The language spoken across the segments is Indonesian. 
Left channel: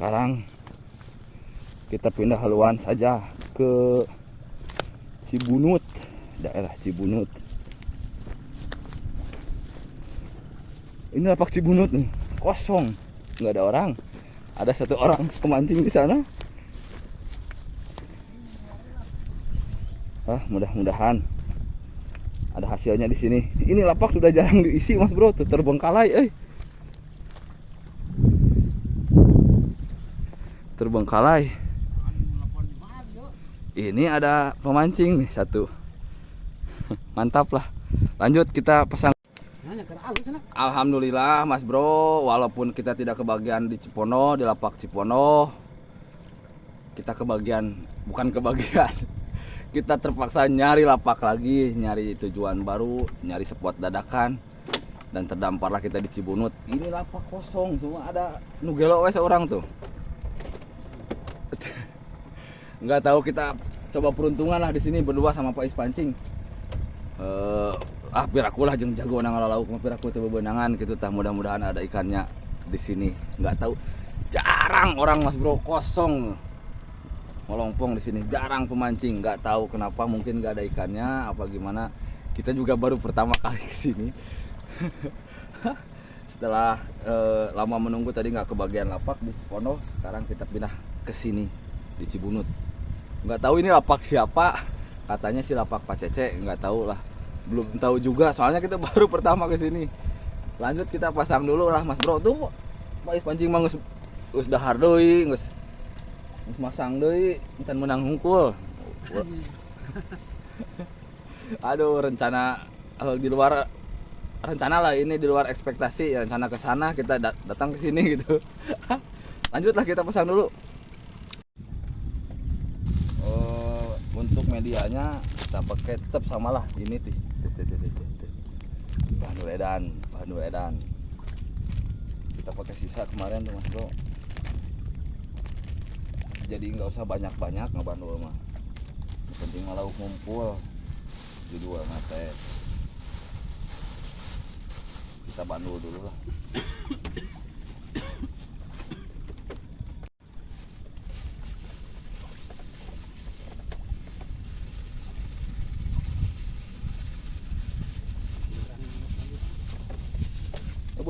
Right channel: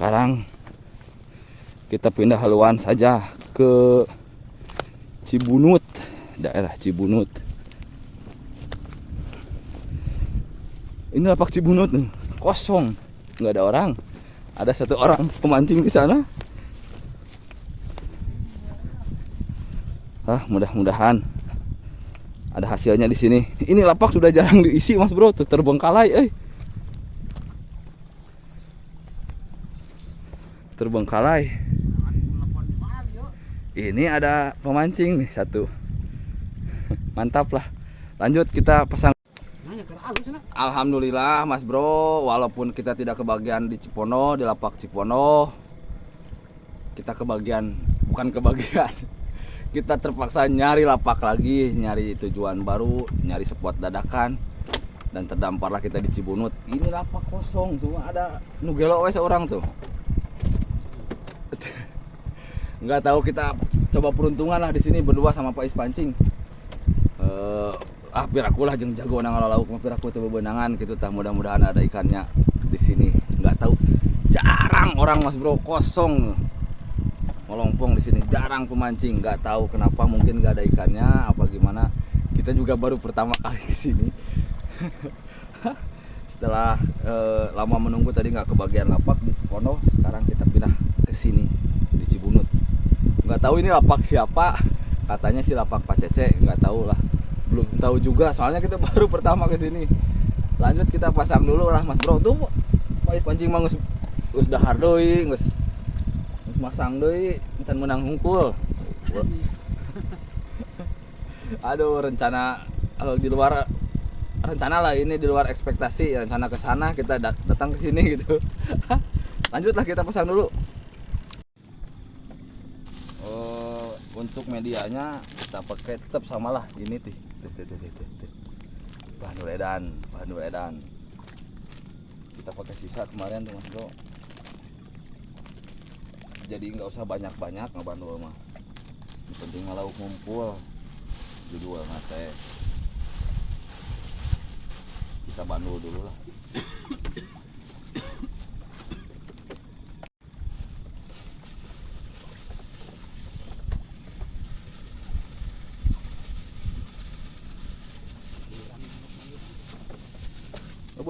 Sekarang kita pindah haluan saja ke Cibunut, daerah Cibunut. Ini lapak Cibunut nih, kosong, nggak ada orang. Ada satu orang pemancing di sana. Mudah-mudahan ada hasilnya di sini. Ini lapak sudah jarang diisi, Mas Bro, tuh terbengkalai, terbengkalai. Ini ada pemancing nih satu. Mantap lah. Lanjut kita pasang. Alhamdulillah Mas Bro, walaupun kita tidak kebagian di Cipono, di lapak Cipono, kita bukan kebagian. Kita terpaksa nyari lapak lagi, nyari tujuan baru, nyari spot dadakan, dan terdamparlah kita di Cibunut. Ini lapak kosong, cuma ada nugelo wes orang tuh. Nggak tahu, kita coba peruntungan lah di sini berdua sama Pak Is pancing. Biar aku lah jeung jago nang lauk, biar aku tuh bebenangan gitu tah, mudah-mudahan ada ikannya di sini. Nggak tahu, jarang orang Mas Bro, kosong. Melompong di sini, jarang pemancing. Nggak tahu kenapa, mungkin nggak ada ikannya apa gimana. Kita juga baru pertama kali ke sini. Setelah lama menunggu tadi nggak kebagian lapak di Cipono, sekarang kita pindah ke sini di Cibunut. Nggak tahu ini lapak siapa, katanya sih lapak Pak Cece, nggak tahu lah, belum tahu juga soalnya kita baru pertama ke sini. Lanjut kita pasang dulu lah Mas Bro. Tuh Pak Is pancing mah geus dahar deui, geus masang deui, encan menang hungkul. Aduh, rencana di luar rencana lah ini, di luar ekspektasi. Rencana ke sana, kita datang ke sini gitu. Lanjutlah kita pasang dulu. Untuk medianya kita pakai tetap samalah ini tuh. Bahan edan. Kita pakai sisa kemarin tuh Mas Bro. Jadi nggak usah banyak-banyak ngabandul mah. Yang penting malah ngumpul judul mate. Kita bandul dulu lah.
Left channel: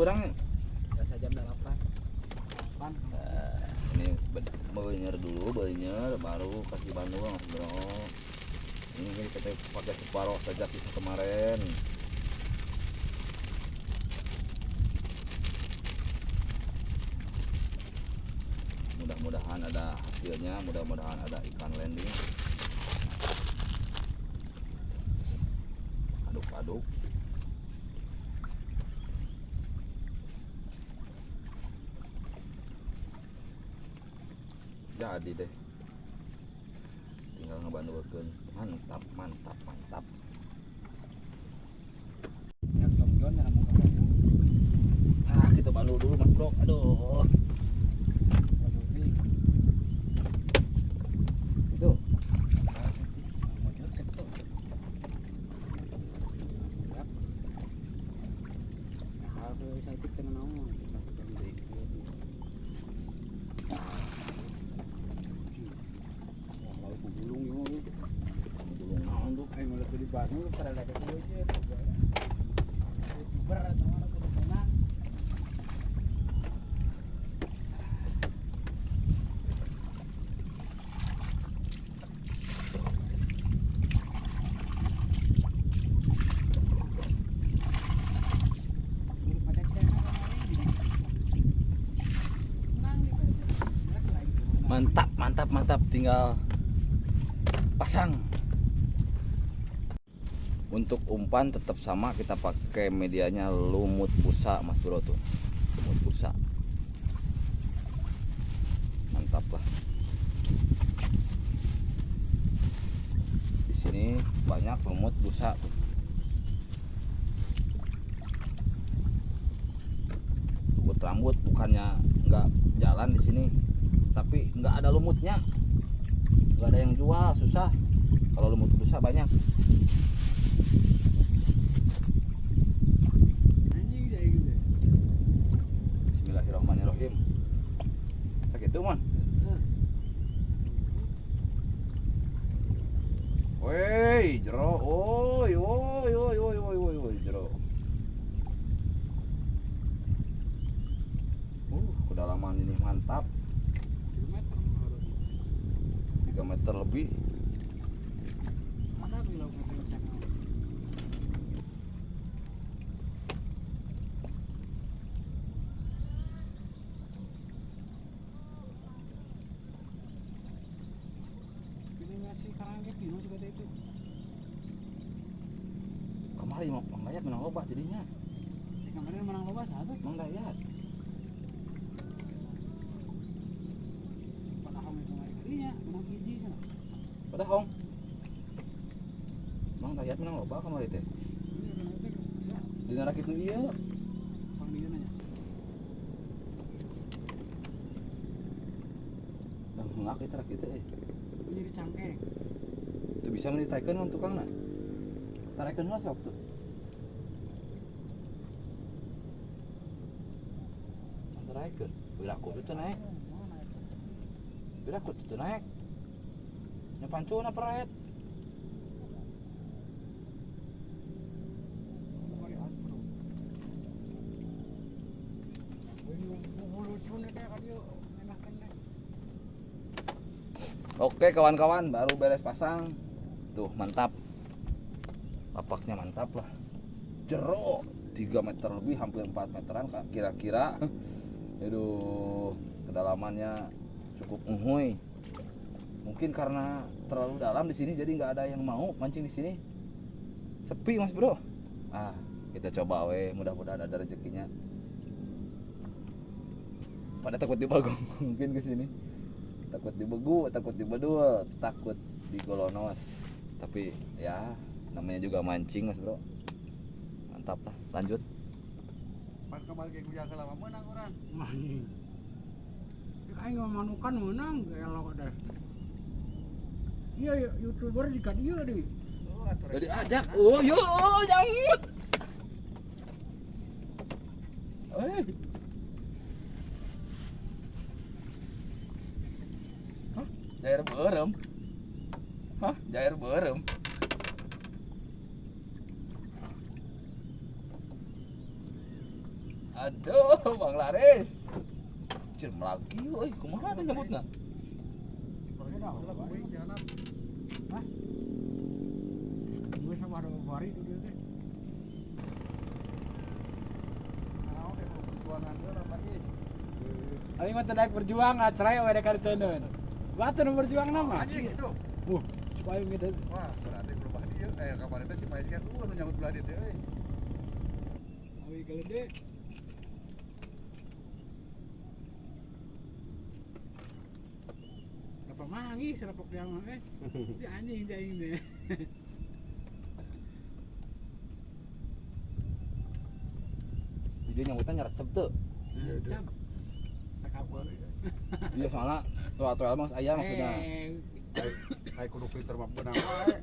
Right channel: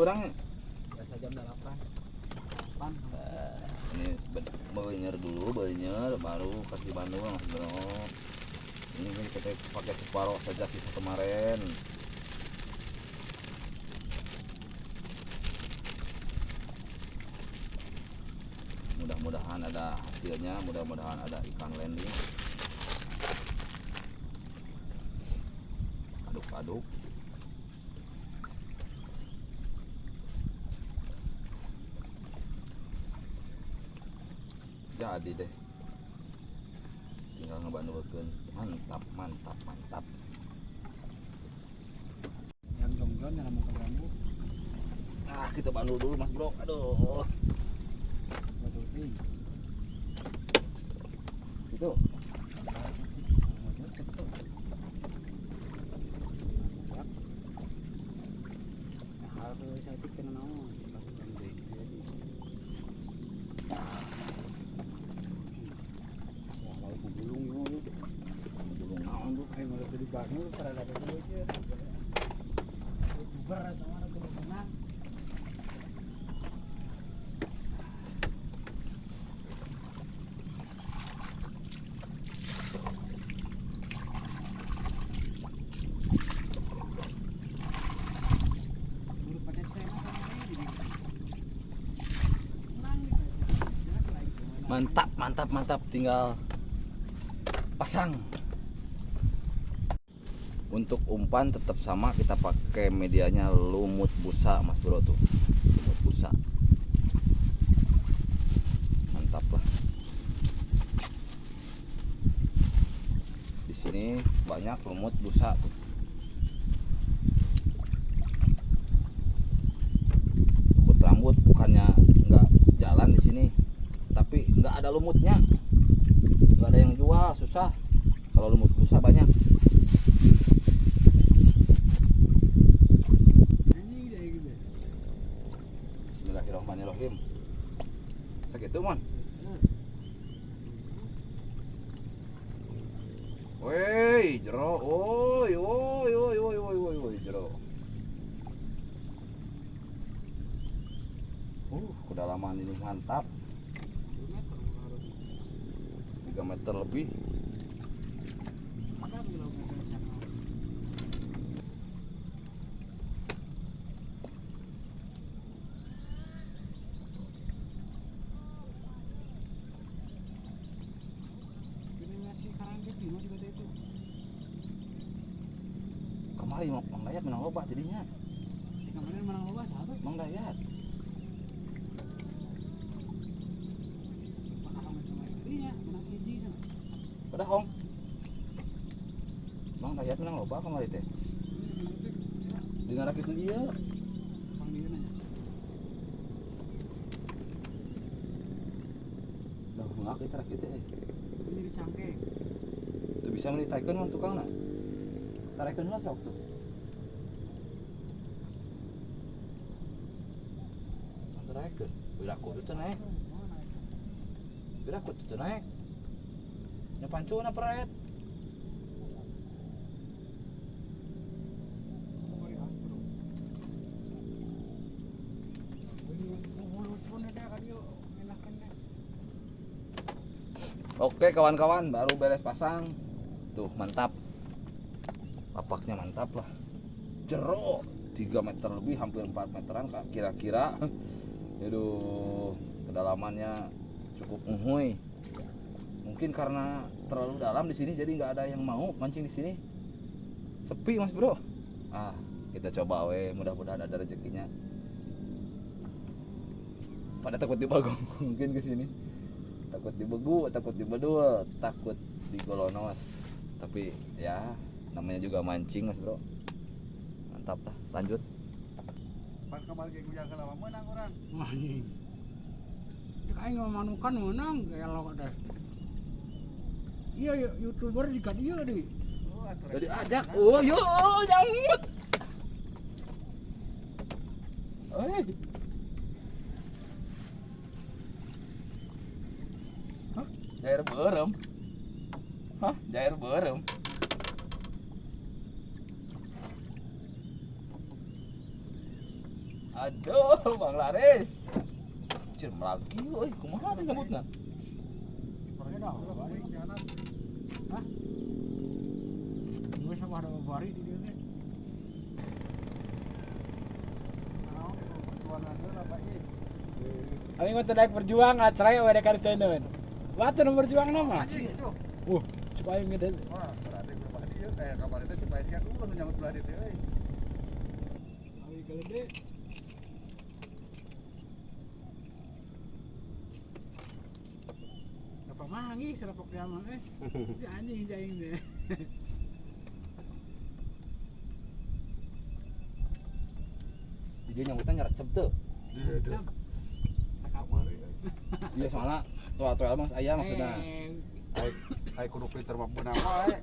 Kurang biasa jam 8. Ini banyer dulu, baru kasih bandul Mas Bro. Ini kita pakai separuh saja sisa kemarin. Mudah-mudahan ada hasilnya, mudah-mudahan ada ikan landing. Aduk-aduk. Jadi deh, tinggal ngebandulkeun. Mantap. Kita bandul dulu Mas Bro. Aduh. Itu. Mantap, tinggal pasang. Untuk umpan tetap sama, kita pakai medianya lumut busa Mas Bro tuh. Lumut busa. Mantap lah. Di sini banyak lumut busa tuh. Lumut rambut bukannya nggak jalan di sini, tapi nggak ada lumutnya, nggak ada yang jual, susah. Kalau lumut busa banyak. Bismillahirrahmanirrahim. gitu mon. Woi, jero. Oi, oi, oi, oi, oi, oi, oi, jero. Kedalaman ini mantap. 3 meter lebih. Ada bila mobil channel. Ini masih karang gitu, masih gede itu. Kemari Mang Dayat menang loba jadinya. Kemarin menang loba satu. Mang Dayat. Patahan kemarin kalinya, menang hiji kan. Pada hong. Mang Dayat menang loba kemari teh. Di ngarak itu iya. Dah ngak kita rak itu Ini jadi cangkeng. Itu bisa menitaikeun mun tukangna. Tarekeun lah sok tuh. Tarekeun. Biraku itu naik. Biraku itu naik. Nya pancuna peret. Oke kawan-kawan, baru beres pasang. Tuh mantap. Lapaknya mantap lah. Jero 3 meter lebih, hampir 4 meteran kira-kira. Aduh, kedalamannya cukup uhuy. Mungkin karena terlalu dalam di sini jadi nggak ada yang mau mancing di sini. Sepi Mas Bro. Ah, kita coba we, mudah-mudahan ada rezekinya. Pada takut dibagong mungkin ke sini. Takut dibegu, takut dibedul, takut digolonos. Tapi ya namanya juga mancing Mas Bro. Mantap lah, lanjut. Pan kembali ke Gujang kalau menang orang. Aing ngamanukan menang elok deh. Iya YouTuber juga dia deh. Jadi ajak. Oh, yo, jangan. Oi. Hah? Jair berem. Hah? Jair berem. Aduh, Bang Laris. Cem lagi, oi, kumaha teh nyebutna? Orangnya dah udah baik jalan. Hah? Gue sama ada bari di dia. Aing mah naik berjuang acara we dekat teuneun. Watu nu berjuang nama. Supaya ngede. Wah, berarti berubah dia kayak kabar itu si Paisnya nu nyangkut belah dia teh. Awi gede. Apa mangi serapok dia mah Di anjing jaing deh. Dia nyambutnya nyerecep tuh. Cap. Sakapol. Iya soalnya tuh emang ayah maksudnya. Ai kudu filter mah beunang wae.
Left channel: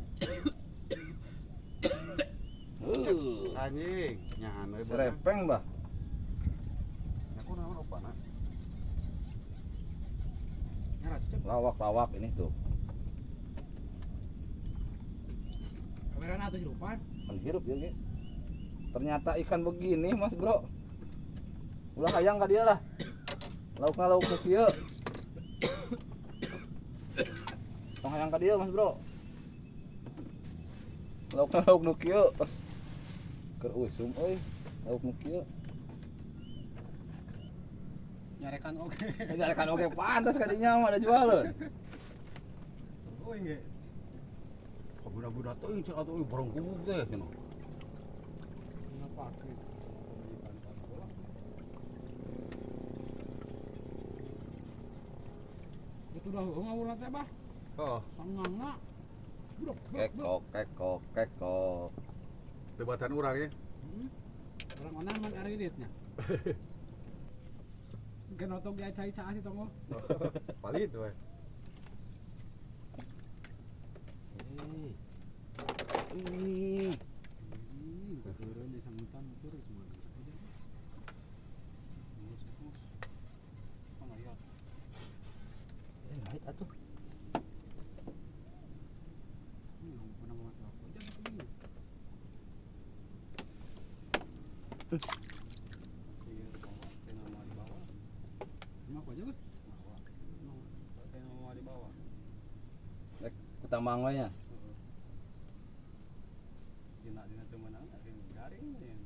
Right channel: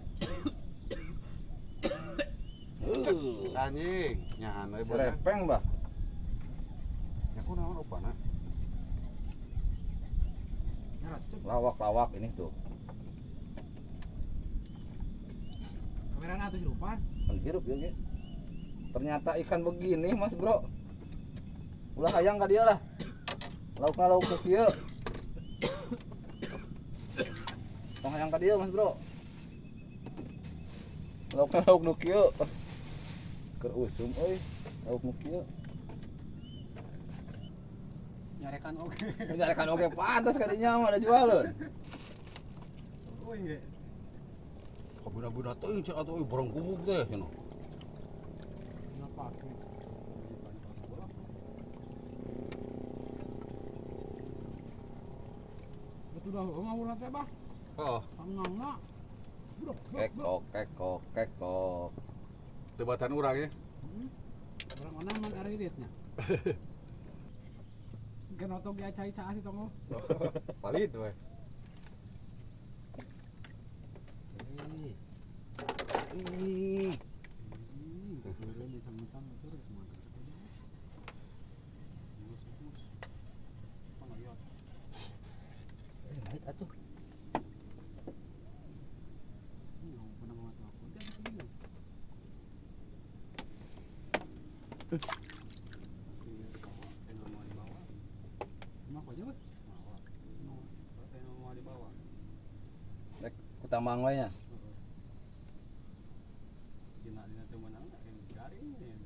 Anjing, nyahan we beunang. Repeng bah. Ya kunaon rupana? Nyerecep. Lawak ini tuh. Kamera atuh hirupan. Menghirup ya ge. Ternyata ikan begini Mas Bro. Ulah hayang ka dia lah. Lauk nu kieu. Tong hayang ka dia Mas Bro. Lauk nu kieu. Keur usum euy. Lauk nu kieu. Nyarekan oge. Nyarekan oge pantas kadinya mah ada jualan. Oh iya. Budak-budak teh cek atuh borong kumuk teh cenah. Ngapa sih? Itu dah ngawur teh bah. Heeh, Sangangna. Kekok. tebatan urang ya. Orang mana emang ereditnya? Mungkin otot dia cai-cai sih tongo. Palit we. Di sambutan terus mah. Apa juga? Pakai mau di bawah. Rek kutambang we nya. Dina cuma anak yang garing ya.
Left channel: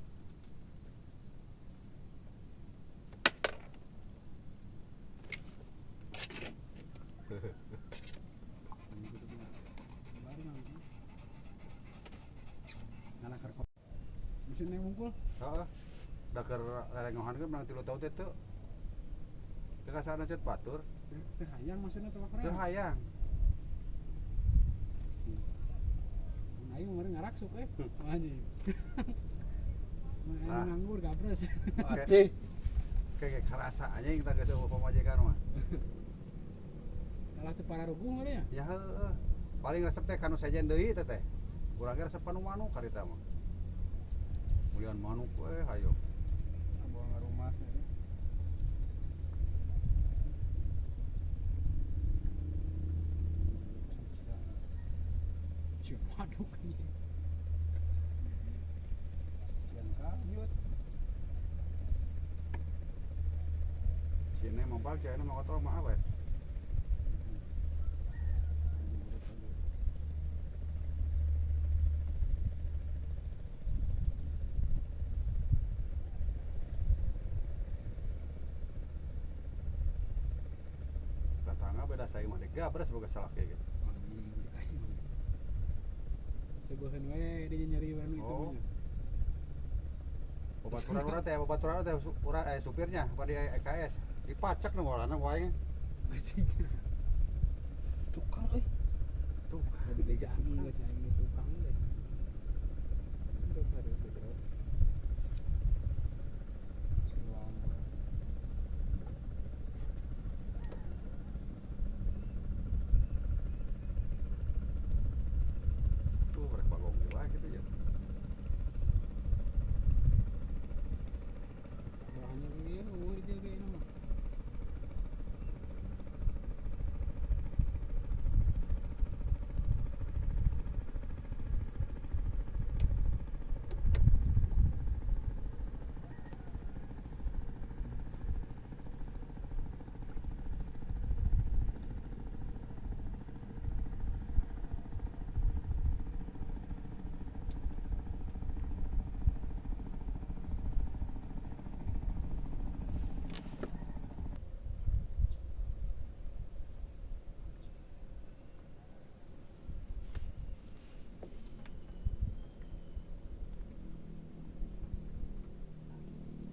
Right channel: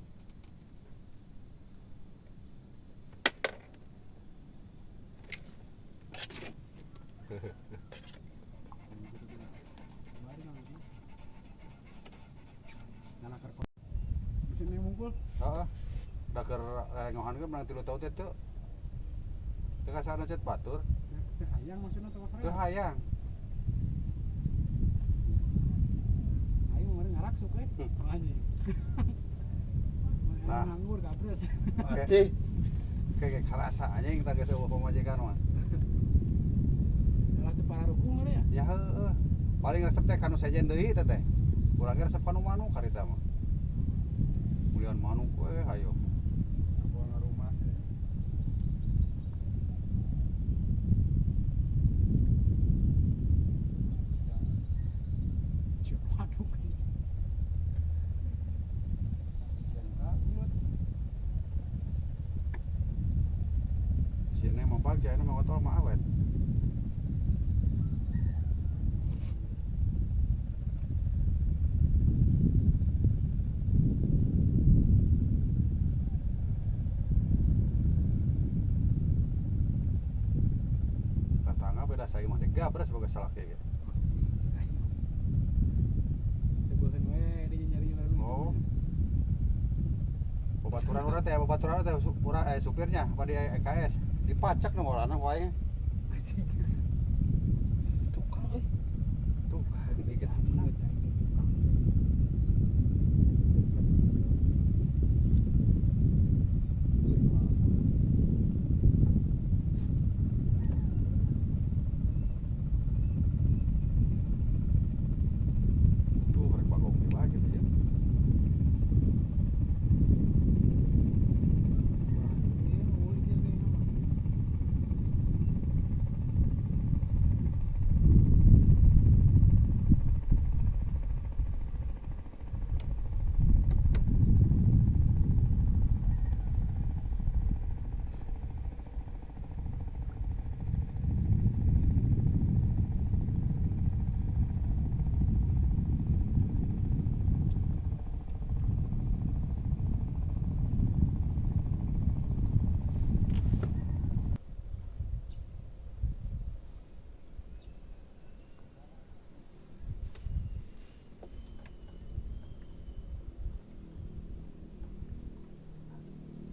Kemarin lagi. Nana karko. Bisa neng mungkul. Heeh. Da keur lelengohan ge menang 3 tahun teh teu. Teu kasana cet batur, Teh hayang maksudna teh teu keren. hayang. Ayo kemarin ngarak sok anjing. Tah. Nganggur gabres. Acih. Kayak kerasa anjing tah geus eueuh pamajikan mah. Lah teu para rukung ada ya? Ya heueuh. Paling resep teh kanu sejen deui teh teh. Urang ge resep anu manuk karita mah. Mulian manuk we hayo. Bawa ngarumas ya. Cuk, waduh. Yang kayut. Sini mah pagi anu mah otol mah awet. Tetangga beda saya mah deh gabres boga salah kayak gitu. Sebuhan we dia nyari barang itu. Oh. Babaturan teh supirnya pada EKS dipacak nang orangna wae. Tukang euy. Tuh, Ada bejaan ngecain tukang. tuh rek bagong lagi tuh ya.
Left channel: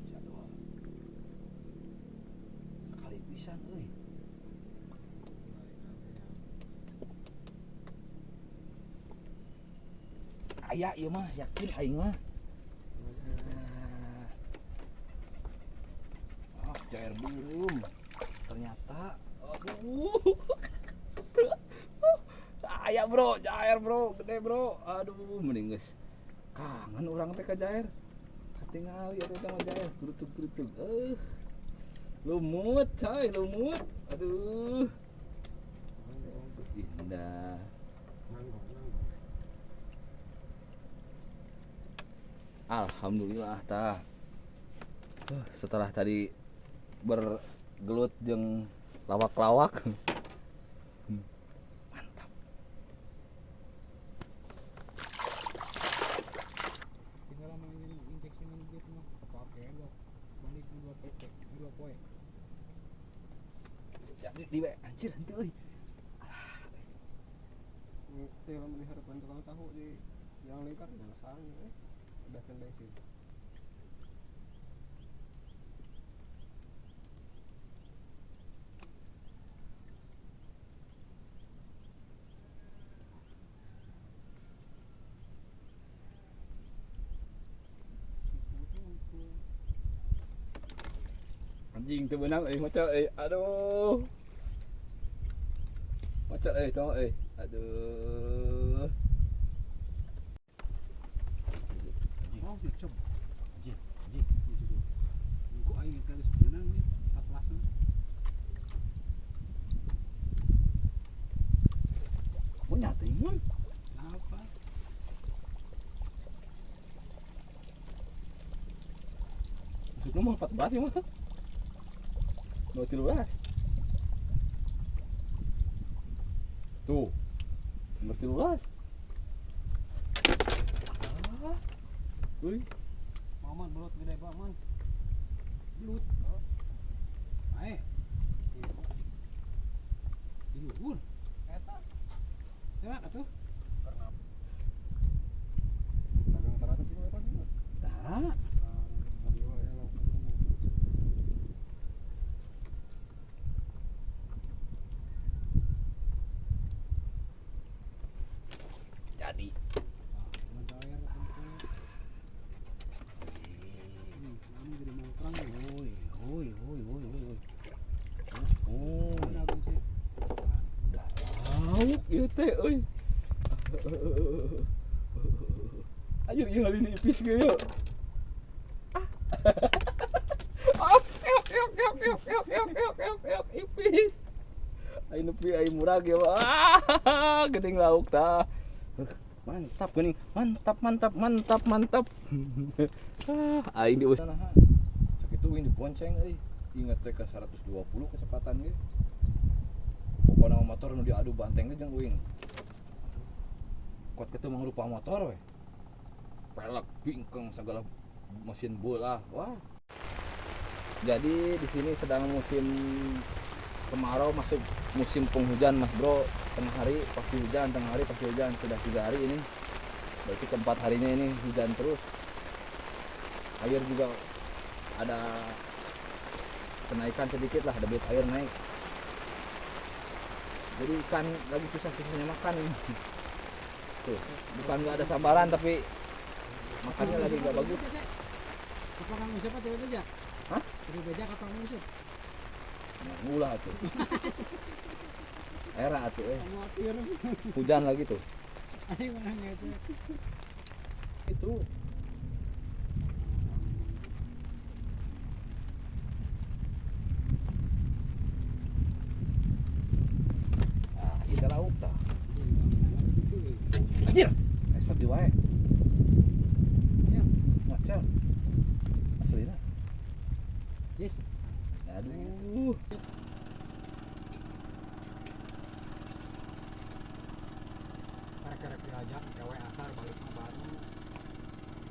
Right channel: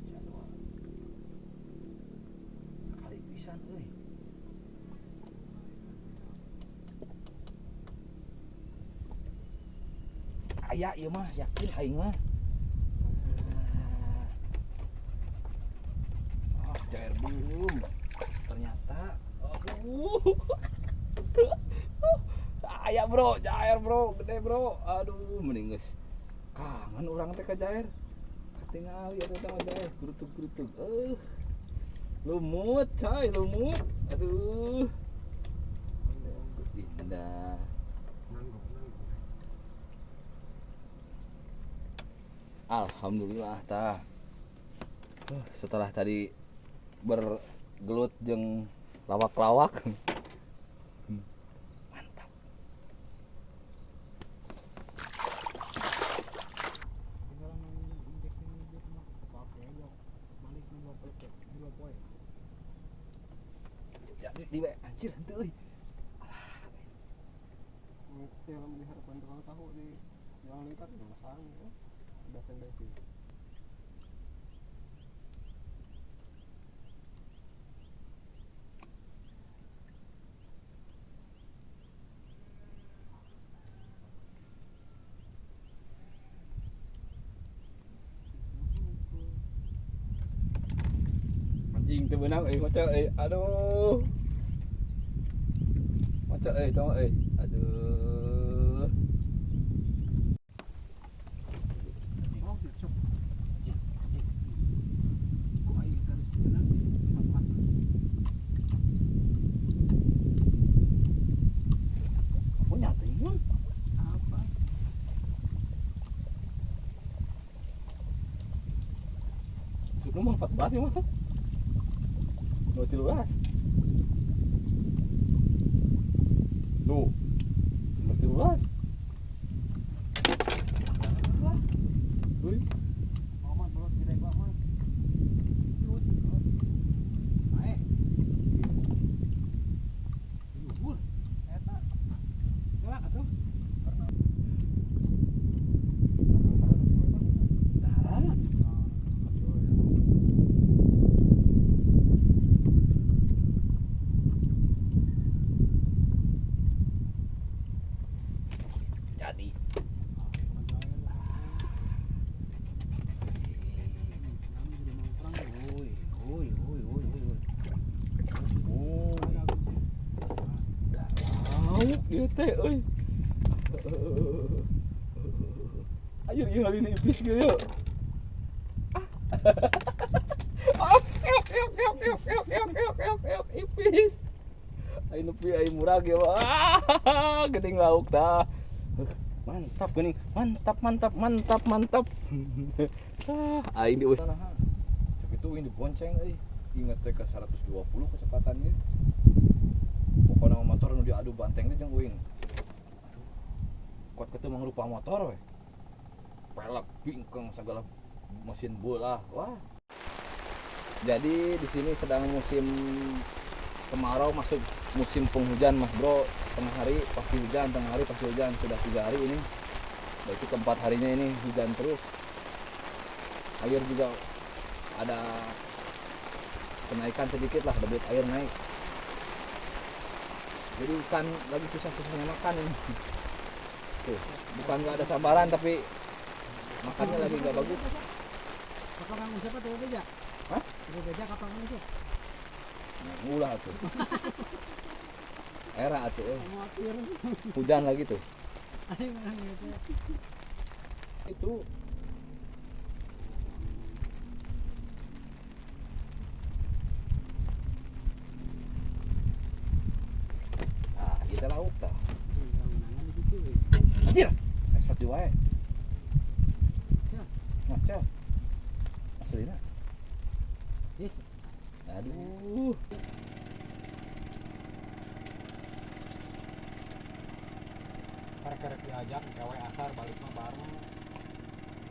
Jadwal. Sekali pisan euy. Aya ieu mah yakin aing mah. Jair belum. Ternyata aduh. Aya bro, jair bro, gede bro. Aduh, mending geus kangen urang teh ka jair. Katingali eta mah jair, gerutug-gerutug. Lumut, coy, lumut. Aduh. Indah. Alhamdulillah tah. Setelah tadi bergelut jeung lawak-lawak. Mantap. Tinggal main injeksi ngebut mah pakai aja. Balik dua PT, dua poe. Jadi di we anjir henteu euy. Itu yang melihatkan tukang tahu di yang lingkar yang sarang udah tendai sih. Anjing teu beunang euy maca euy. Aduh. Maca euy tong euy. Aduh. Oh, cocok. Kok aing terus benar nih. Apa? Mun nyata mun. Apa? Masuk nomor 14 ya mah. No 13. Tuh. Nomor 13. Ah. Uy. Maman bulat gede Pak Mang. Yut. Ae. Luhur. Eta. Coba atuh. Tah. Jadi Oi, oi, oi, oi, oi, oi. Oi. Lauk ieu teh euy. Anjir ieu hal ini ipis ge ya. Ipis. Ai nepi ai murah ge geuning lauk tah. Mantap geuning. Mantap, mantap, mantap, mantap. Ai di usaha. Sakitu ini dibonceng euy. Ingat teh ke 120 kecepatan ge. Pokona motor nu diadu banteng teh jeung uing. Kuat kitu mangrupa motor we. Pelek, bingkeng segala mesin bola. Wah. Jadi di sini sedang musim kemarau masuk musim penghujan Mas Bro. Tengah hari pasti hujan, tengah hari pasti hujan. Sudah 3 hari ini. Berarti keempat harinya ini hujan terus. Air juga ada kenaikan sedikit lah, debit air naik. Jadi ikan lagi sisa-sisanya makan ini. Tuh, bukan nggak ada sabaran tapi makannya lagi nggak bagus. Kapan ngusip tuh beja? Hah? Tuh beja kapan ngusip? Nah, ngulah tuh. Era atuh Mau atir. hujan lagi tuh. Ayo mana gitu. Itu nah, kita lauk tah. Anjir, esot di wae. Macam aslina. Yes. Aduh. Karek-karek diajak gawe asar balik mah bareng.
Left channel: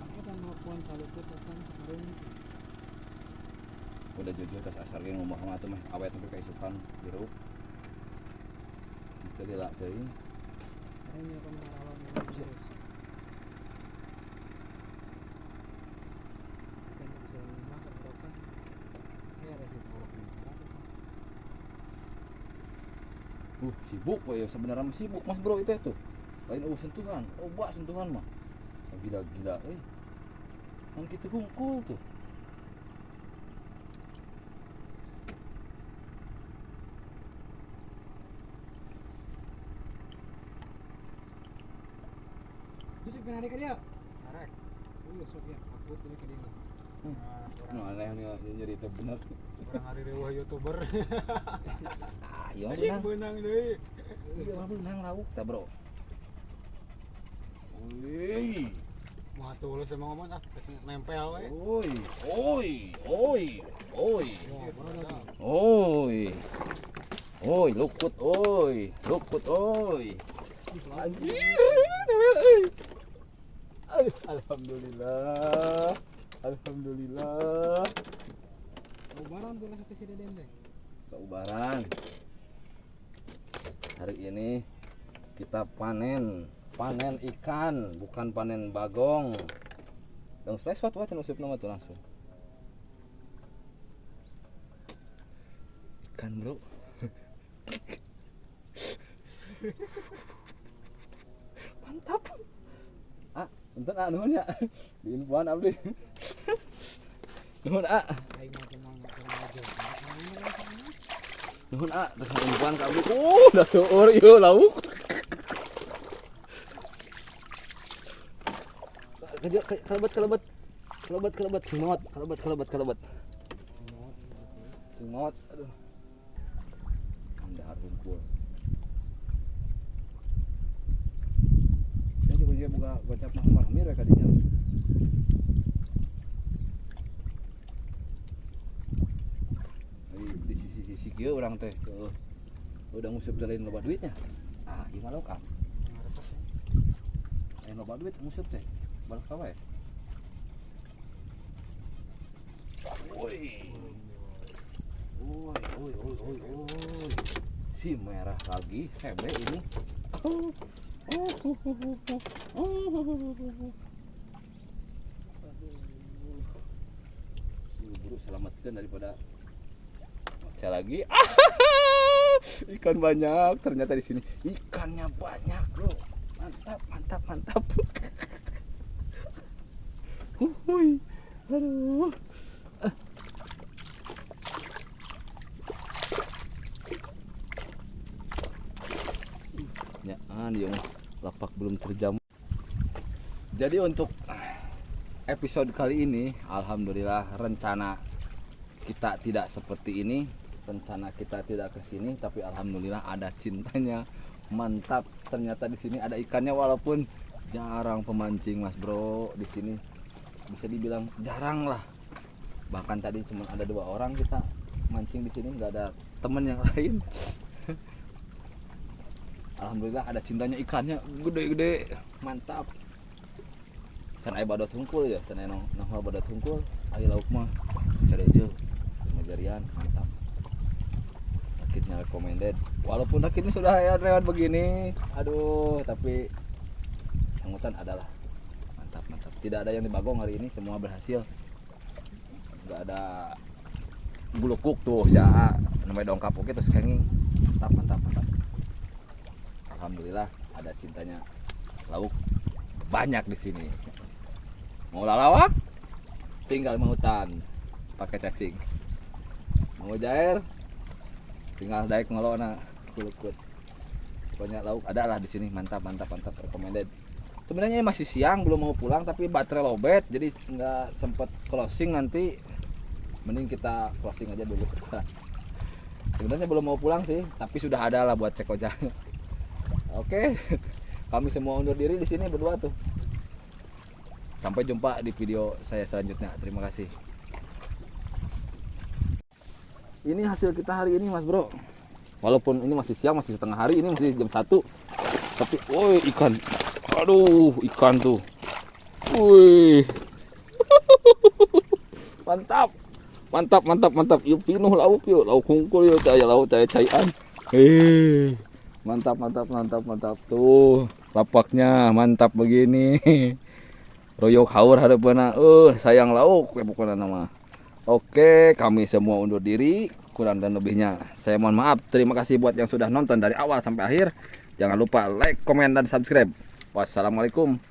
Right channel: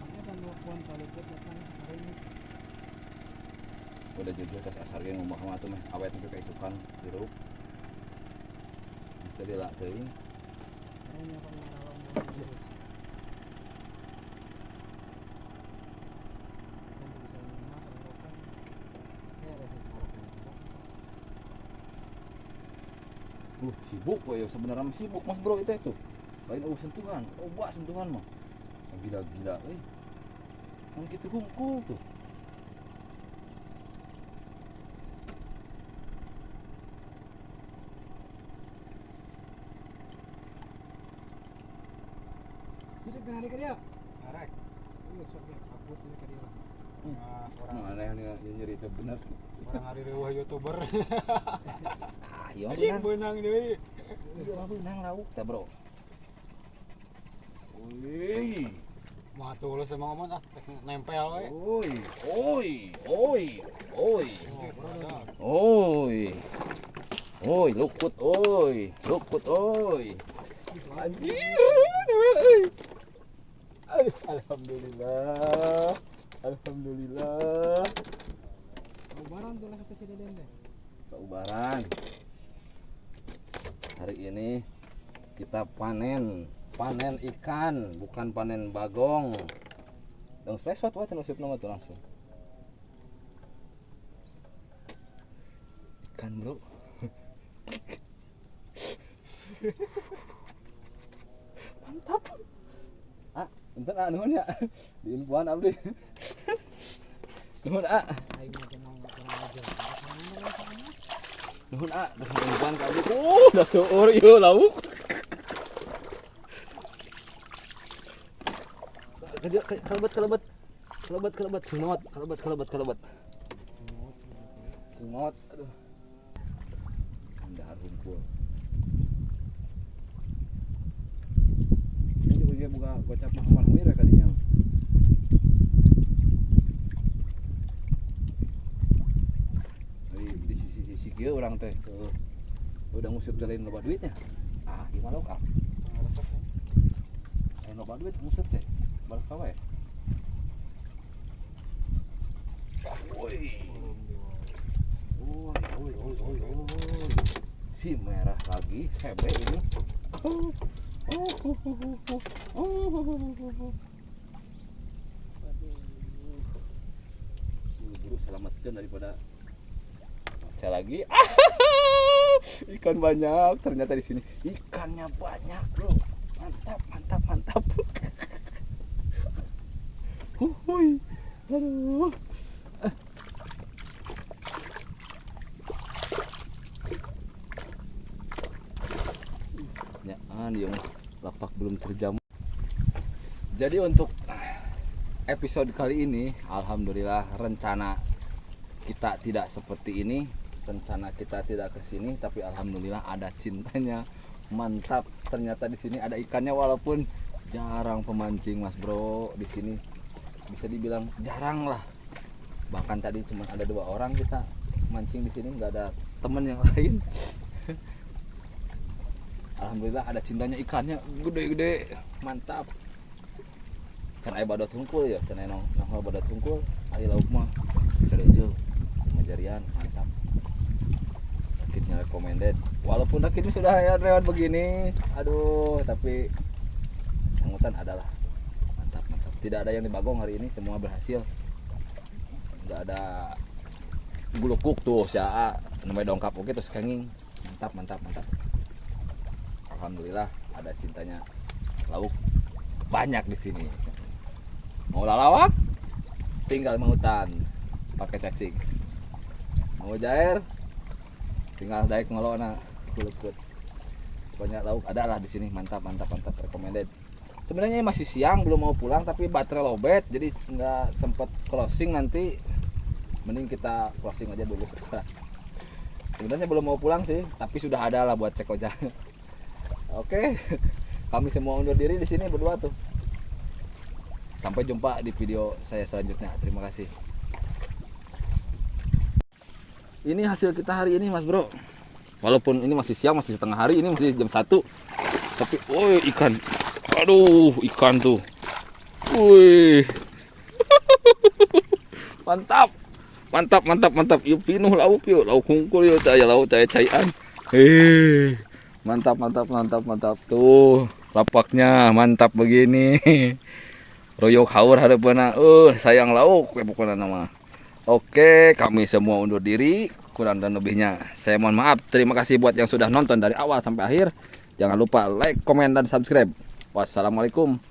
Angkat kan mau pon palukut kan kemarin. Udah jujur tas asar ge ngomong mah atuh mah awet nepi ka isukan dirup. Bisa dilak teuing. Hanya kan ngarawan. Sibuk we ya sebenarnya mah sibuk Mas Bro itu tuh. Lain sentuhan, obat sentuhan mah. Gila-gila euy. Mun kitu hungkul tuh. Bisa pernah ada dia. Karek. Sok ya aku tuh ka dia. Nu aneh nih nyeri teh bener. Orang hari reueuh YouTuber. Ah, iya Anjing beunang. beunang deui. Iya mah beunang lauk teh, Bro. Wih. Mah tulus emang ngomong ah nempel we. Oi, oi, oi, oi. Oi. Oi, lukut oi. Lukut oi. Anjir. Oi. Alhamdulillah. Alhamdulillah. Lebaran tuh rasa ke Deden teh. Saubaran. Hari ini kita panen ikan, bukan panen bagong. Dong spesot wae nusuk nama tuh langsung. Ikan, Bro. Mantap. Ah, enten nuhun ya. Diinfoan abdi. Nuhun Aing mah tenang aja. nuhun dengan infoan ka abdi. Udah seueur ieu lauk. Kelebet semot, kelebet. Semot, aduh. Dahar hungkul. Ini juga dia buka gocap Muhammad Hamir kadinya. Di sisi si kieu urang teh udah ngusip jalan loba duitnya. Ah, gimana Kang? Loba duit ngusip teh. Balik ka wae. Woi. Woi. Si merah lagi, sebe ini. Buru selamatkan daripada saya lagi. Ikan banyak ternyata di sini. Ikannya banyak, bro. Mantap. Huhuy. Aduh. Ya, dia lapak belum terjam. Jadi untuk episode kali ini, alhamdulillah rencana kita tidak seperti ini, rencana kita tidak ke sini, tapi alhamdulillah ada cintanya. Mantap, ternyata di sini ada ikannya walaupun jarang pemancing Mas Bro di sini. Bisa dibilang jarang lah. Bahkan tadi cuma ada 2 orang kita mancing di sini, nggak ada temen yang lain. Alhamdulillah ada cintanya, ikannya gede-gede, mantap. Can aya badot hungkul ya, can aya nongol badot hungkul, aya lauk mah careujeul, majarian, mantap. Rakitnya recommended. Walaupun rakitnya sudah lewat begini, aduh, tapi sangutan adalah mantap. Tidak ada yang dibagong hari ini, semua berhasil. Enggak ada gulukuk tuh, sia namanya dongkap oke terus kenging. Mantap. Alhamdulillah ada cintanya lauk banyak di sini. Mau lalawak tinggal mangutan pakai cacing. Mau jair tinggal daek ngolona kulukut. Pokoknya lauk ada lah di sini, mantap recommended. Sebenarnya masih siang belum mau pulang tapi baterai lowbat jadi nggak sempet closing, nanti mending kita closing aja dulu. Sebenarnya belum mau pulang sih, tapi sudah ada lah buat cek ojek. Oke, kami semua undur diri di sini berdua tuh. Sampai jumpa di video saya selanjutnya. Terima kasih. Ini hasil kita hari ini Mas Bro. Walaupun ini masih siang, masih setengah hari, ini masih jam 1. Tapi woi ikan. Aduh, ikan tuh. Woi. Mantap. Yuk pinuh lauk yuk. Lauk hungkul yuk, saya lauk saya caian. Mantap. Tuh, lapaknya mantap begini. Royok haur harapanna. Sayang lauk pokoknya nama. Oke, kami semua undur diri. Kurang dan lebihnya saya mohon maaf. Terima kasih buat yang sudah nonton dari awal sampai akhir. Jangan lupa like, komen dan subscribe. Wassalamualaikum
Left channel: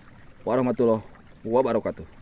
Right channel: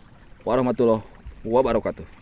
warahmatullahi wabarakatuh.